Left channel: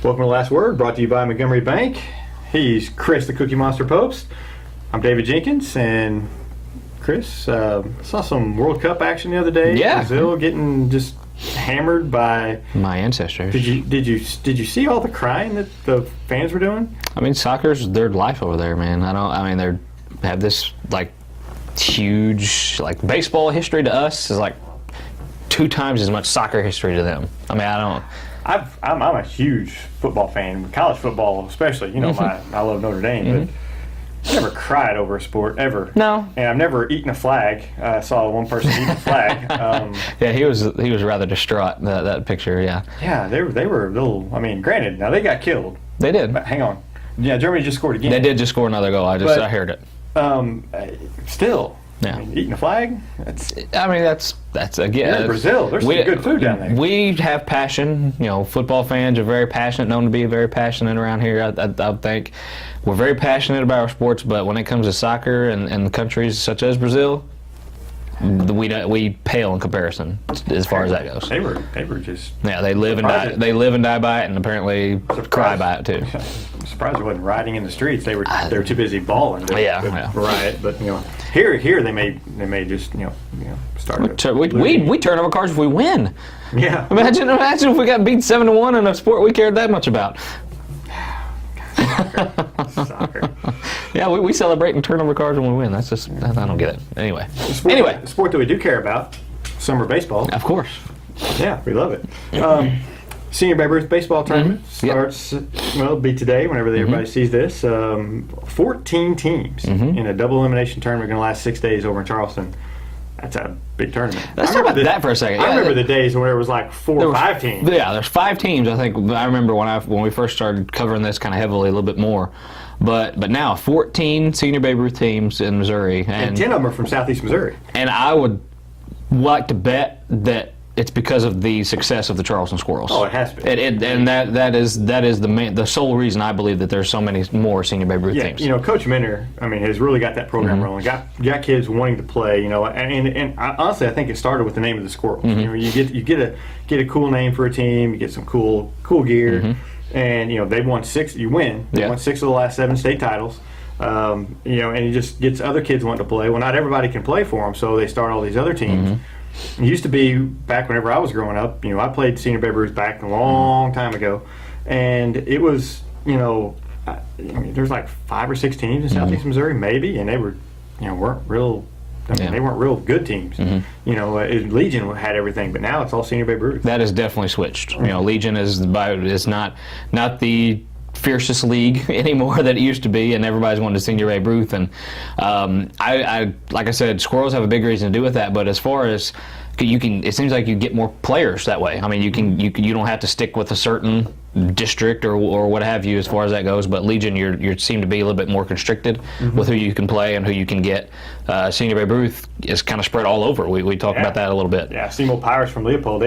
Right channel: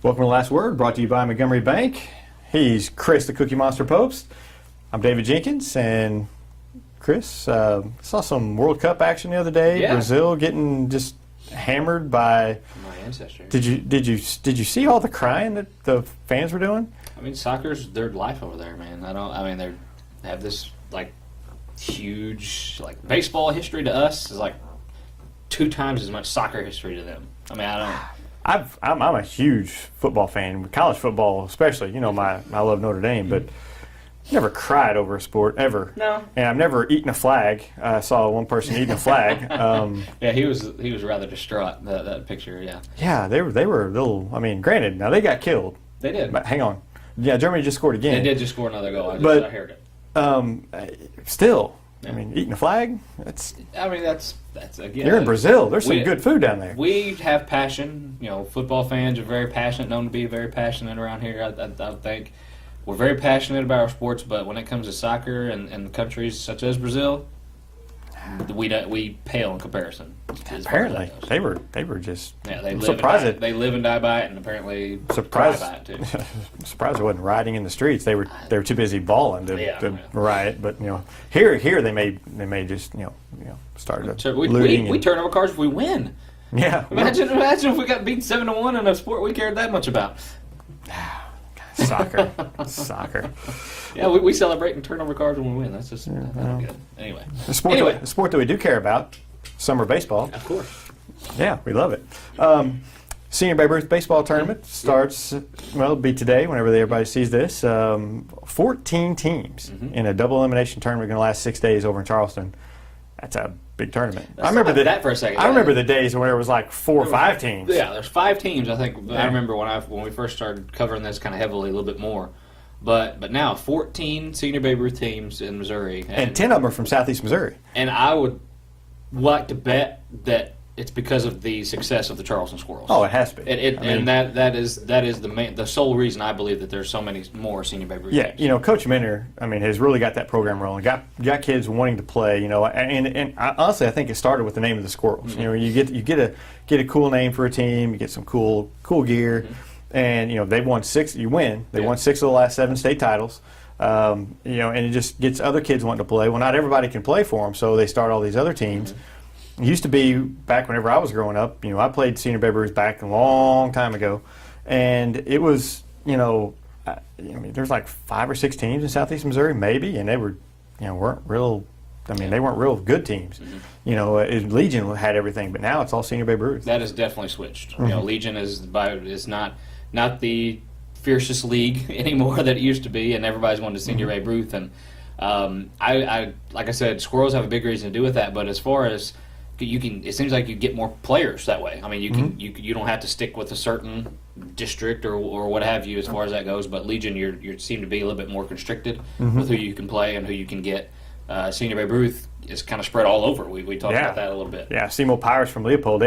Welcome to Last Word, brought to you by Montgomery Bank. He's Chris, the Cookie Monster Pobst. I'm David Jenkins, and Chris, saw some World Cup action the other day. Yeah. Brazil getting just hammered by my ancestors. Did you see all the crying that the fans were doing? I mean, soccer's their life over there, man. They have this like huge baseball history to us is like 2 times as much soccer history to them. I mean, I don't. I'm a huge football fan, college football especially. You know, I love Notre Dame, but I've never cried over a sport ever. No. And I've never eaten a flag. I saw one person eating a flag. Yeah, he was rather distraught that picture. Yeah. Yeah, they were a little. I mean, granted, now they got killed. They did. But hang on. Yeah, Germany just scored again. They did just score another goal. I heard it. Still. Yeah. I mean, eating a flag? That's again. You're in Brazil. There's some good food down there. We have passion. You know, football fans are very passionate, known to be very passionate around here. I think we're very passionate about our sports, but when it comes to soccer and countries such as Brazil, we pale in comparison as far as that goes. They were just they live and die by it, and apparently cry by it too. I'm surprised they wasn't rioting in the streets. They were too busy balling to riot. But here they may just start. We turn over cards if we win. Yeah. Imagine if we got beat 7-1 in a sport we cared that much about. Soccer. Yeah, we celebrate and turn over cards when we win. That's just I don't get it. Anyway. The sport that we do care about, summer baseball. Of course. Yeah, we love it. Senior Babe Ruth baseball tournament starts. It'll be today. Whenever everybody sees this, 14 teams in a double elimination tournament going to last 6 days over in Charleston. That's a big tournament. Let's talk about that for a second. I remember the days when there was like 4 or 5 teams. Yeah, there's 5 teams. I think I remember when we first started covering this kind of heavily, a little bit more. But now 14 Senior Babe Ruth teams in Missouri, and 10 of them are from Southeast Missouri. And I would like to bet that it's because of the success of the Charleston Squirrels. Oh, it has to be. And that is the sole reason I believe that there's so many more Senior Babe Ruth teams. You know, Coach Minter, has really got that program rolling. Got kids wanting to play. You know, and honestly, I think it started with the name of the Squirrels. You know, you get a cool name for a team. You get some cool gear, and they've won 6. You win. They won 6 of the last 7 state titles. And it just gets other kids wanting to play. Well, not everybody can play for them, so they start all these other teams. It used to be back whenever I was growing up. I played Senior Babe Ruth back a long time ago, and it was there's like 5 or 6 teams in Southeast Missouri maybe, and they were weren't real. They weren't real good teams. Legion had everything, but now it's all Senior Babe Ruth. That has definitely switched. Legion is not the fiercest league anymore that it used to be, and everybody's wanted to Senior Babe Ruth. And I like I said, Squirrels have a big reason to do with that. But as far as it seems like you get more players that way. I mean, you don't have to stick with a certain district or what have you as far as that goes. But Legion, you seem to be a little bit more constricted with who you can play and who you can get. Senior Babe Ruth is kind of spread all over. We talked about that a little bit. Yeah, Seymour Pirates from Leopold.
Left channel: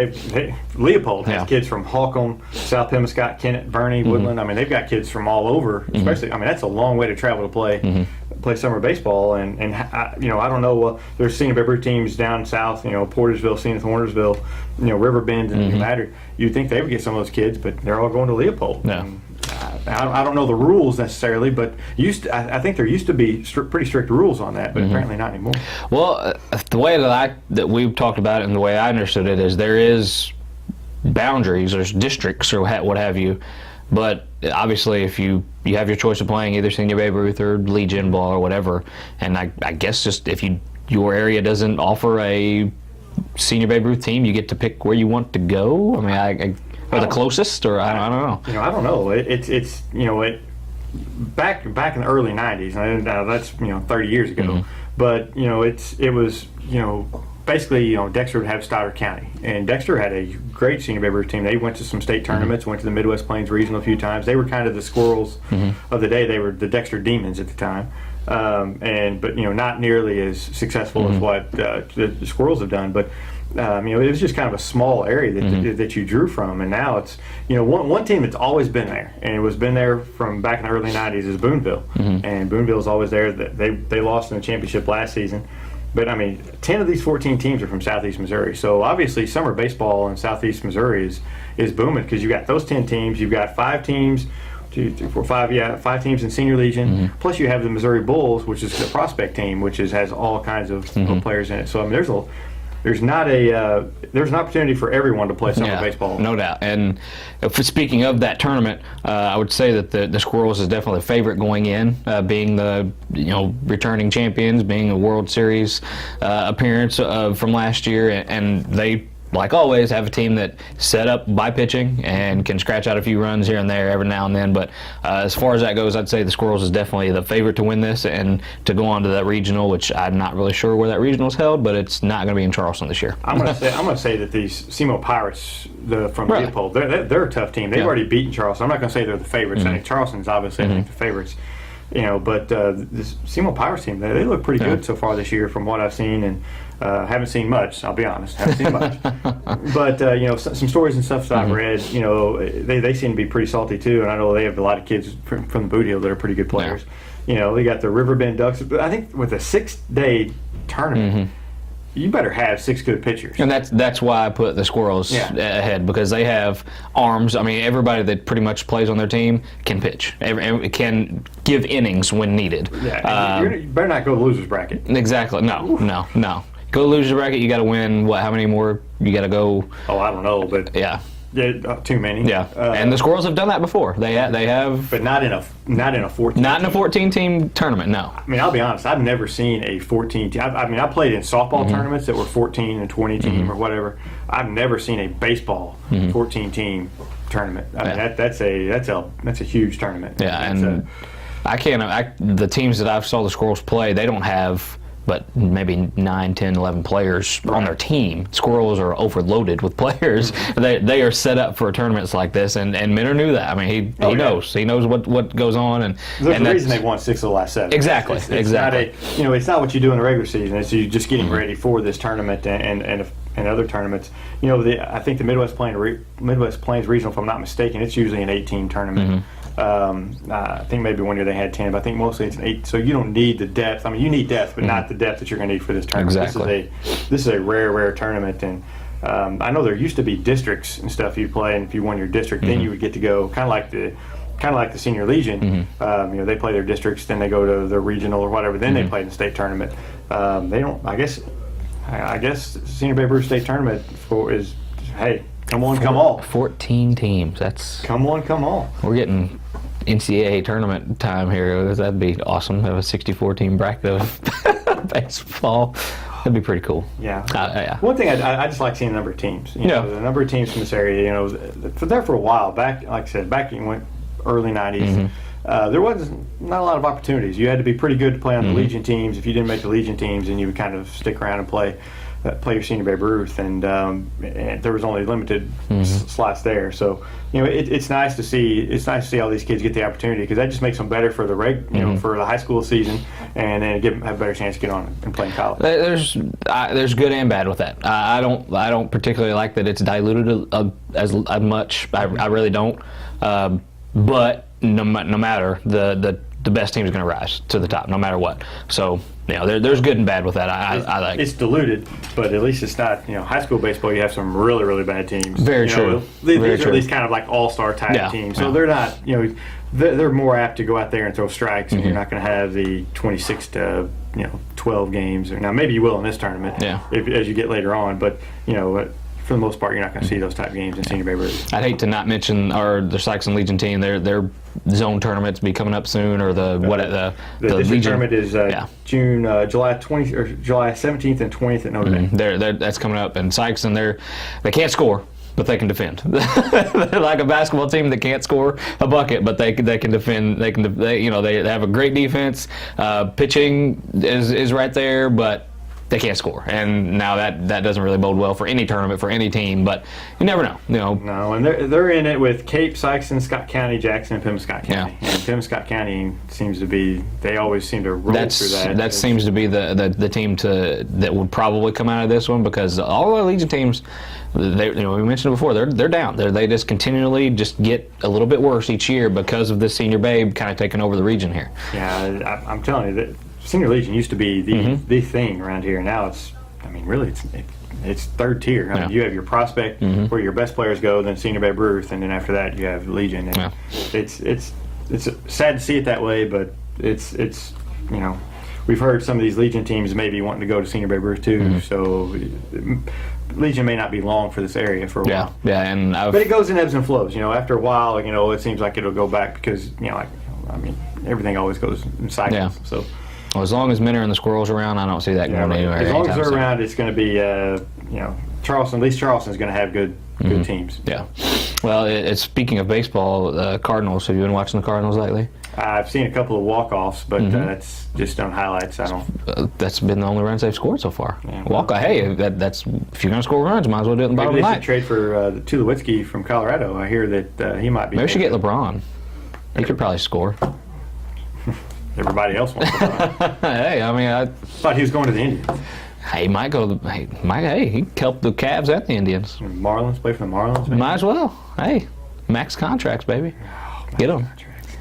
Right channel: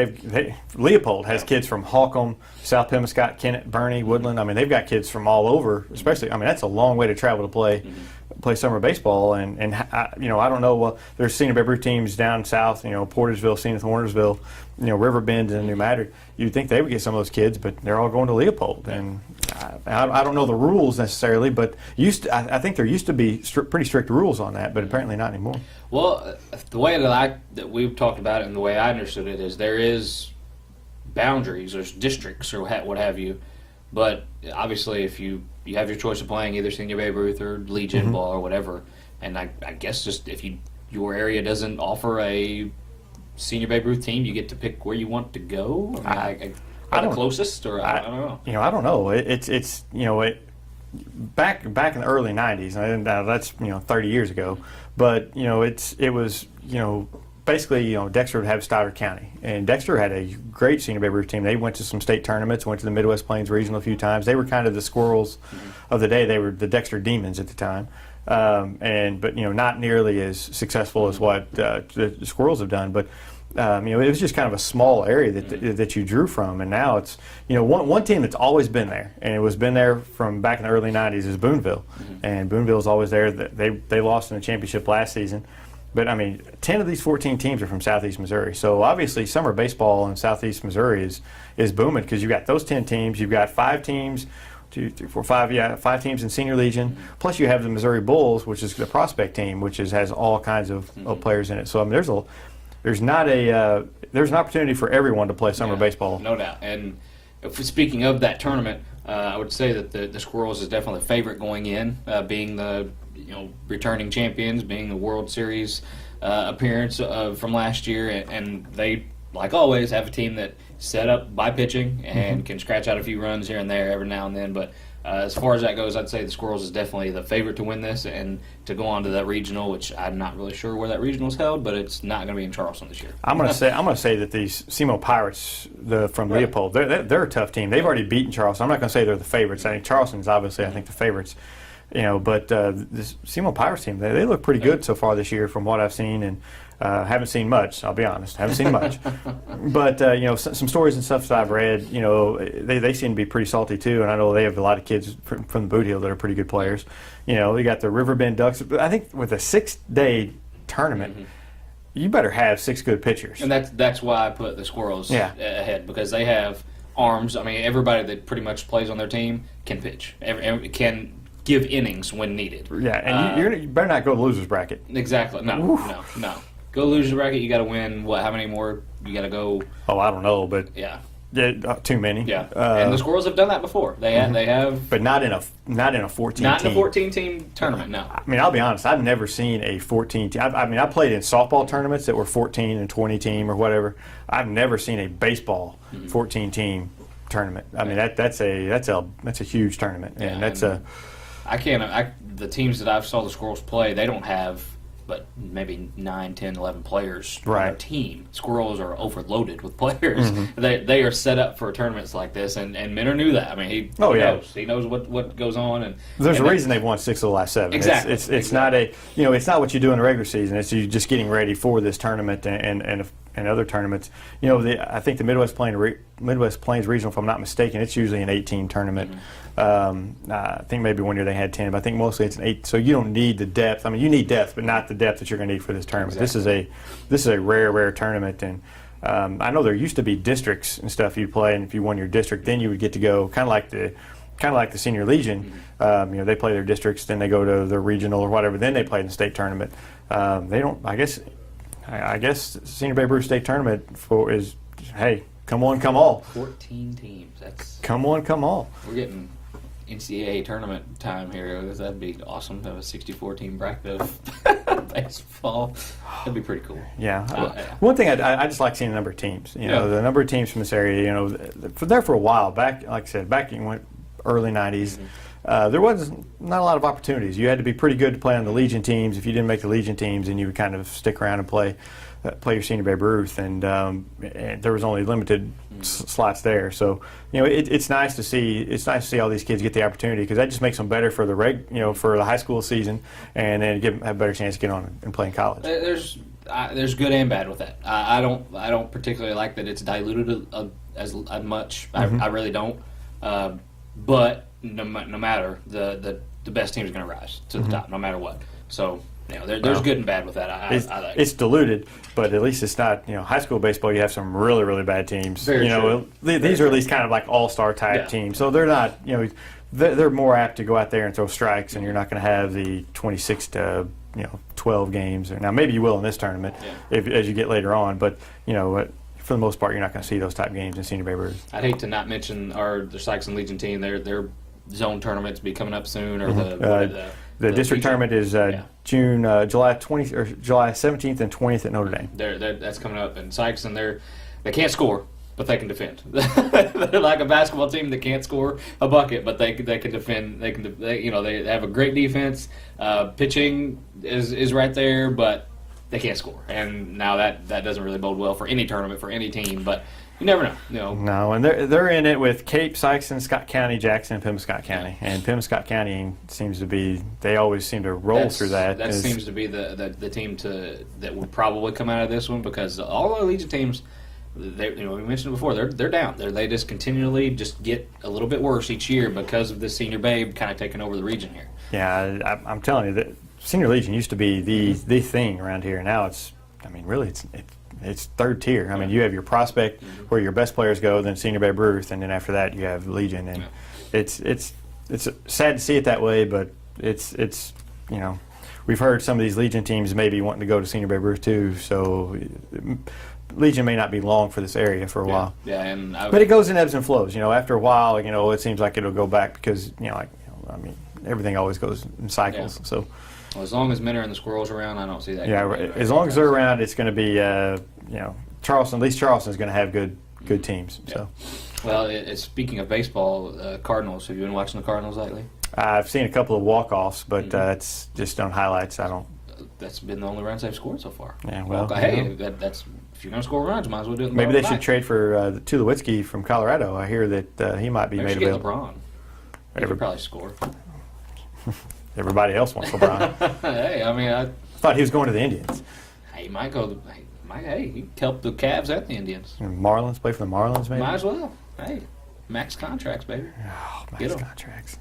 Leopold has kids from Holcomb, South Pemmiscott, Kennett, Bernie, Woodland. They've got kids from all over. Especially, that's a long way to travel to play summer baseball, and I don't know. There's Senior Babe Ruth teams down south. Portersville, Zenith, Warnersville, Riverbend, and New Madrid. You'd think they would get some of those kids, but they're all going to Leopold. Yeah. I don't know the rules necessarily, but I think there used to be pretty strict rules on that, but apparently not anymore. Well, the way that we've talked about it and the way I understood it is there is boundaries, there's districts or what have you, but obviously if you have your choice of playing either Senior Babe Ruth or Legion ball or whatever, and I guess just if your area doesn't offer a Senior Babe Ruth team, you get to pick where you want to go. Or the closest, or I don't know. I don't know. It's back in the early '90s, and that's 30 years ago. But it was basically Dexter would have Stoddard County, and Dexter had a great Senior Babe Ruth team. They went to some state tournaments, went to the Midwest Plains Regional a few times. They were kind of the Squirrels of the day. They were the Dexter Demons at the time, but not nearly as successful as what the Squirrels have done. But it was just kind of a small area that you drew from, and now it's one team that's always been there, and it was been there from back in the early '90s is Boonville, and Boonville's always there. They lost in the championship last season, but 10 of these 14 teams are from Southeast Missouri, so obviously summer baseball in Southeast Missouri is is booming because you've got those 10 teams, you've got 5 teams. 2, 3, 4, 5. Yeah, 5 teams in Senior Legion. Plus, you have the Missouri Bulls, which is the prospect team, which has all kinds of players in it. So, I mean, there's an opportunity for everyone to play summer baseball. No doubt. And speaking of that tournament, I would say that the Squirrels is definitely the favorite going in, being the returning champions, being a World Series appearance from last year, and they, like always, have a team that set up by pitching and can scratch out a few runs here and there every now and then. But as far as that goes, I'd say the Squirrels is definitely the favorite to win this and to go on to that regional, which I'm not really sure where that regional is held, but it's not going to be in Charleston this year. I'm going to say that these SEMO Pirates from Leopold, they're a tough team. They've already beaten Charleston. I'm not going to say they're the favorites. I think Charleston's obviously I think the favorites. But this SEMO Pirates team, they look pretty good so far this year from what I've seen, and haven't seen much. I'll be honest, haven't seen much. But some stories and stuff that I've read, they seem to be pretty salty too. And I know they have a lot of kids from the Boot Hill that are pretty good players. They got the Riverbend Ducks. But I think with a 6-day tournament, you better have 6 good pitchers. And that's why I put the Squirrels ahead, because they have arms. I mean, everybody that pretty much plays on their team can pitch, can give innings when needed. Yeah, and you better not go loser's bracket. Exactly. No. Go loser's bracket, you got to win. How many more you got to go? Oh, I don't know, but yeah, too many. Yeah, and the Squirrels have done that before. They have, but not in a 14. Not in a 14-team tournament. No. I mean, I'll be honest. I've never seen a 14 team. I played in softball tournaments that were 14 and 20 team or whatever. I've never seen a baseball 14 team tournament. I mean, that's a huge tournament. Yeah, the teams that I've saw the Squirrels play, they don't have but maybe 9, 10, 11 players on their team. Squirrels are overloaded with players. They are set up for tournaments like this, and Minner knew that. I mean, he knows. He knows what goes on. And there's a reason they've won 6 of the last 7. Exactly. It's not it's not what you do in the regular season. It's you just getting ready for this tournament and other tournaments. I think the Midwest Plains Regional, if I'm not mistaken, it's usually an 8-team tournament. I think maybe one year they had 10, but I think mostly it's an 8. So you don't need the depth. I mean, you need depth, but not the depth that you're going to need for this tournament. Exactly. This is a rare tournament, and I know there used to be districts and stuff you play, and if you won your district, then you would get to go kind of like the Senior Legion. They play their districts, then they go to the regional or whatever, then they play in the state tournament. They don't. I guess Senior Babe Ruth State Tournament is hey. Come on, come all. 14 teams. That's come on, come all. We're getting NCAA tournament time here. That'd be awesome. Have a 64-team bracket of baseball. That'd be pretty cool. Yeah. One thing I just like seeing the number of teams. The number of teams from this area. For a while back. Like I said, back in early '90s. There was not a lot of opportunities. You had to be pretty good to play on the Legion teams. If you didn't make the Legion teams, then you would kind of stick around and play your Senior Babe Ruth, and there was only limited slots there. So it's nice to see. It's nice to see all these kids get the opportunity, because that just makes them better for the for the high school season, and then have a better chance to get on and play in college. There's good and bad with that. I don't particularly like that it's diluted as much. I really don't. But no matter the best team is going to rise to the top, no matter what. So. There's good and bad with that. I like it's diluted, but at least it's not. High school baseball, you have some really, really bad teams. Very true. These are at least kind of like all-star type teams, so they're not. They're more apt to go out there and throw strikes, and you're not going to have the 26 to 12 games. Now maybe you will in this tournament, as you get later on, but for the most part, you're not going to see those type games in Senior Babe Ruth. I'd hate to not mention the Sykes and Legion team. Their zone tournaments be coming up soon, or the district Legion tournament is July 20 or July 17th and 20th at Notre Dame. That's coming up, and Sykes they can't score, but they can defend. They're like a basketball team that can't score a bucket, but they can defend. They have a great defense. Pitching is right there, but they can't score, and now that doesn't really bode well for any tournament for any team. But you never know, No, and they're in it with Cape, Sykes, Scott County, Jackson, and Pembroke County. And Pembroke County seems to be. They always seem to roll through that. That seems to be the team that would probably come out of this one, because all the Legion teams. We mentioned it before. They're down. They just continually get a little bit worse each year because of this Senior Babe kind of taking over the region here. Yeah, I'm telling you that Senior Legion used to be the thing around here. Now it's it's third tier. I mean, you have your prospect where your best players go, then Senior Babe Ruth, and then after that you have Legion. And it's sad to see it that way, but it's we've heard some of these Legion teams maybe wanting to go to Senior Babe Ruth too. So Legion may not be long for this area for a while. But it goes in ebbs and flows. After a while, it seems like it'll go back because everything always goes in cycles. Yeah. So. Well, as long as men are in the Squirrels around, I don't see that going anywhere. As long as they're around, it's going to be, Charleston. At least Charleston's going to have good teams. Yeah. So. Well, speaking of baseball, Cardinals. Have you been watching the Cardinals lately? I've seen a couple of walk-offs, but that's just on highlights. I don't. That's been the only runs they've scored so far. Yeah, that's if you're going to score runs, might as well do it in the Maybe they should trade for Tulowitzki from Colorado. I hear that he might be. Maybe we should get LeBron. He could probably score. Everybody else wants LeBron. Hey, I thought he was going to the Indians. He might go. He can help the Cavs and the Indians. Marlins, play for the Marlins. Maybe? Might as well. Hey, max contracts, baby. Get them.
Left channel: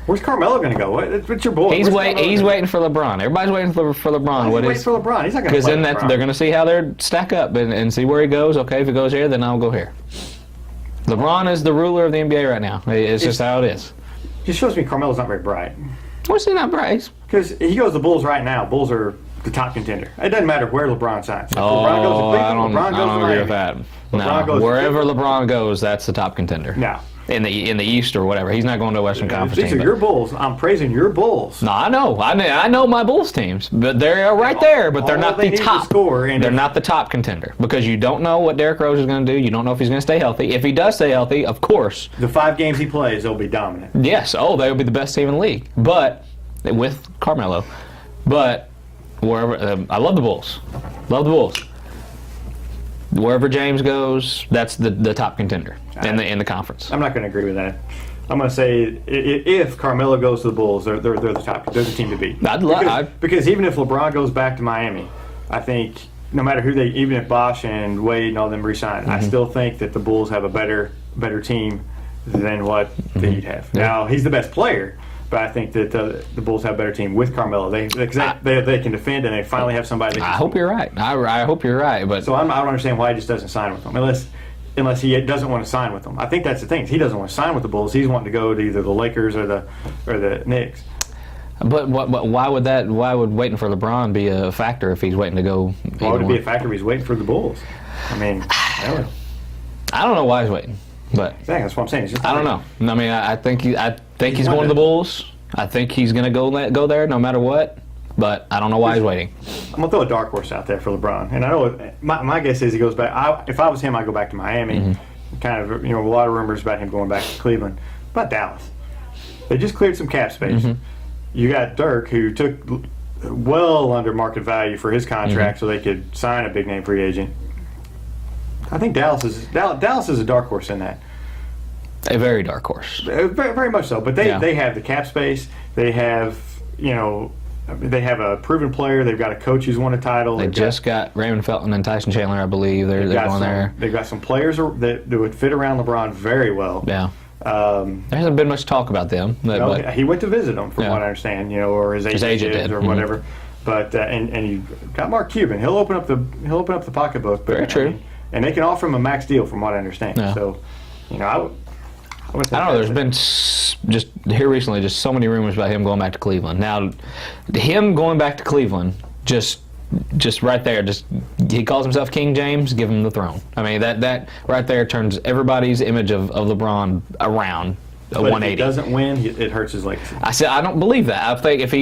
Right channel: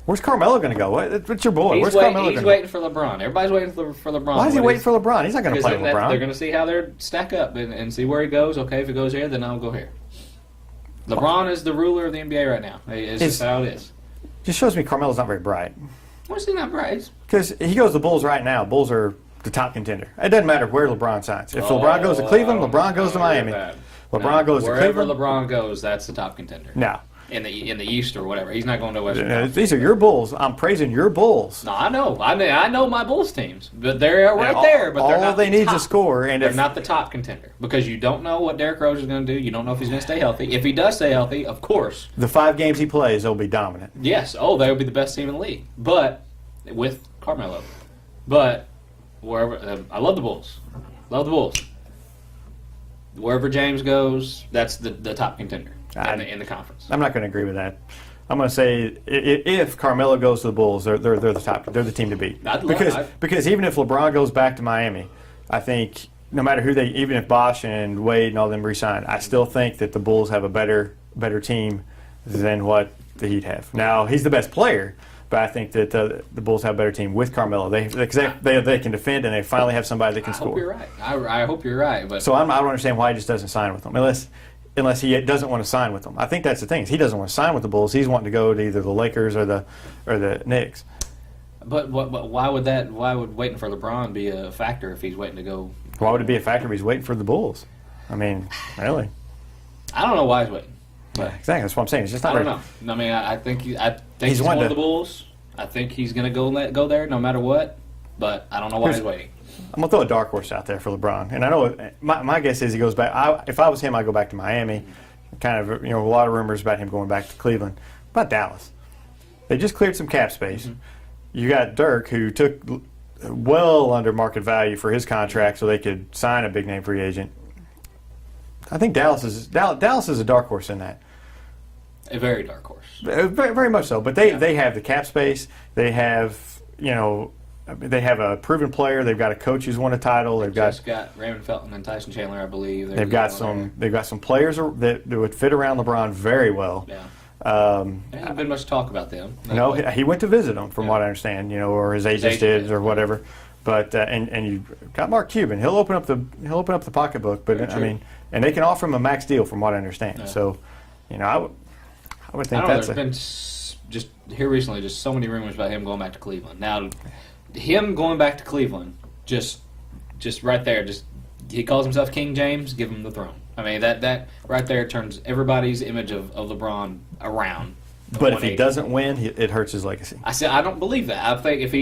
Where's Carmelo going to go? What's your boy? He's waiting for LeBron. Everybody's waiting for LeBron. Why is he waiting for LeBron? He's not going to play Because then they're going to see how they stack up and see where he goes. Okay, if he goes here, then I'll go here. LeBron is the ruler of the NBA right now. It's just how it is. Just shows me Carmelo's not very bright. What's he not bright? Because he goes to the Bulls right now. Bulls are the top contender. It doesn't matter where LeBron signs. If LeBron goes to Cleveland, LeBron goes to Miami. LeBron goes wherever LeBron goes, that's the top contender. No. In the East or whatever. He's not going to Western Conference. These are your Bulls. I'm praising your Bulls. No, I know. I know my Bulls teams. But they're right there. But they're not the top. To score, and they're not the top contender. Because you don't know what Derrick Rose is going to do. You don't know if he's going to stay healthy. If he does stay healthy, of course. The 5 games he plays, they'll be dominant. Yes. Oh, they'll be the best team in the league. But, with Carmelo. But, wherever, I love the Bulls. Love the Bulls. Wherever James goes, that's the top contender in the conference. I'm not going to agree with that. I'm going to say if Carmelo goes to the Bulls, they're the top. They're the team to beat. Because even if LeBron goes back to Miami, I think no matter who even if Bosh and Wade and all them resign, I still think that the Bulls have a better team than what the Heat have. Now he's the best player. But I think that the Bulls have a better team with Carmelo. They can defend, and they finally have somebody that can score. I hope you're right. I hope you're right. But so I don't understand why he just doesn't sign with them, unless he doesn't want to sign with them. I think that's the thing. He doesn't want to sign with the Bulls. He's wanting to go to either the Lakers or the Knicks. But why would waiting for LeBron be a factor if he's waiting to go? Why would it be a factor if he's waiting for the Bulls? I mean, really. I don't know why he's waiting. But exactly, that's what I'm saying. It's just I don't know. I mean, I think he's one of the Bulls. I think he's going to go there no matter what. But I don't know why he's waiting. I'm going to throw a dark horse out there for LeBron. And I know my guess is he goes back. If I was him, I'd go back to Miami. Kind of, a lot of rumors about him going back to Cleveland. About Dallas. They just cleared some cap space. You got Dirk, who took well under market value for his contract so they could sign a big-name free agent. I think Dallas is a dark horse in that. A very dark horse. Very, very much so. But they have the cap space. They have they have a proven player. They've got a coach who's won a title. They've just got Raymond Felton and Tyson Chandler, I believe. They've got some players that would fit around LeBron very well. Yeah. There hasn't been much talk about them. He went to visit them, from what I understand, or his agent did, or whatever. But and you got Mark Cuban. He'll open up the pocketbook. But very true. And they can offer him a max deal, from what I understand. Yeah. So, I would think I don't know. There's been just here recently just so many rumors about him going back to Cleveland. Now, him going back to Cleveland, just right there, he calls himself King James. Give him the throne. I mean, that right there turns everybody's image of LeBron around. But if he doesn't win, it hurts his legacy. I said I don't believe that. I think if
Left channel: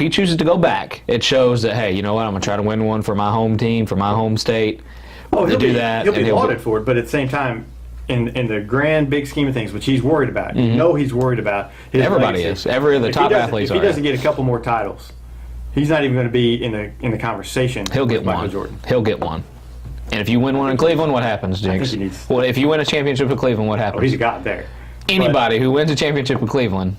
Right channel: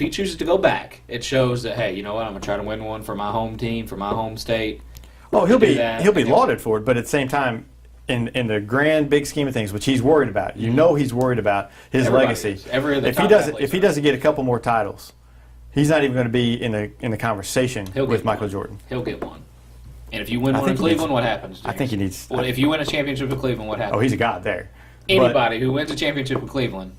he chooses to go back, it shows that, hey, you know what? I'm gonna try to win one for my home team, for my home state. Oh, he'll be lauded for it, but at the same time, in the grand big scheme of things, which he's worried about, he's worried about his Everybody legacy. If he doesn't get a couple more titles, he's not even going to be in the conversation with Michael Jordan. He'll get one. And if you win one in Cleveland, what happens, Jinx? I think he needs. Well, if you win a championship with Cleveland, what happens? Oh, he's a god there. Anybody who wins a championship with Cleveland,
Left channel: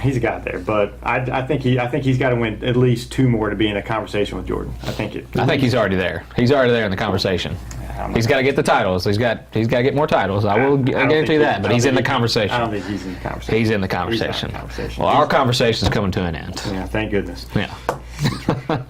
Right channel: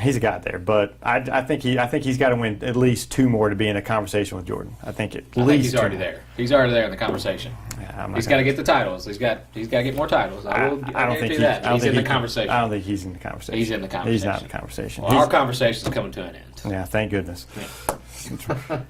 he's a god there. But I think he's got to win at least 2 more to be in a conversation with Jordan. I think he's already there. He's already there in the conversation. He's got to get the titles. He's got to get more titles. I guarantee that. But he's in the conversation. I don't think he's in the conversation. He's in the conversation. He's not in the conversation. Well, our conversation is coming to an end. Yeah, thank goodness. Yeah.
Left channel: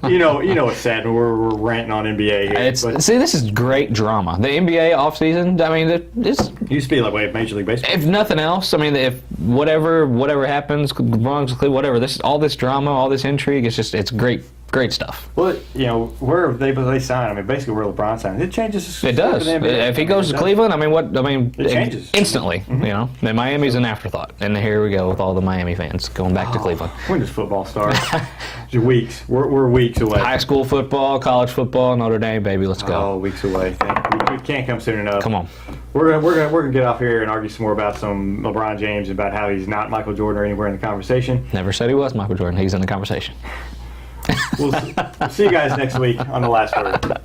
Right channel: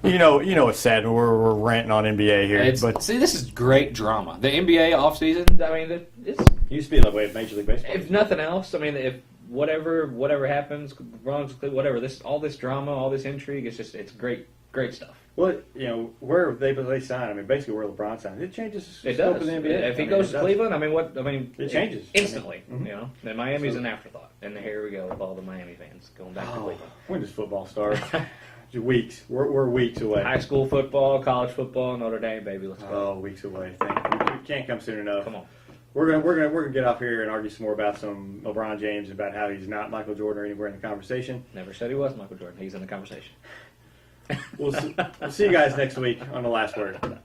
You know, it's sad. We're ranting on NBA here. See, this is great drama. The NBA offseason, I mean, it used to be that way of Major League Baseball. If nothing else, I mean, if whatever happens, whatever, all this drama, all this intrigue, it's great stuff. Well, you know, where they sign, I mean, basically where LeBron signs, it changes. It does. If he goes to Cleveland, it changes instantly. Mm-hmm. You know, and Miami's an afterthought, and here we go with all the Miami fans going back to Cleveland. When does football start? Weeks. We're weeks away. High school football, college football, Notre Dame, baby, let's go. Oh, weeks away. We can't come soon enough. Come on. We're gonna get off here and argue some more about some LeBron James, about how he's not Michael Jordan or anywhere in the conversation. Never said he was Michael Jordan. He's in the conversation. We'll see you guys next week on The Last Word.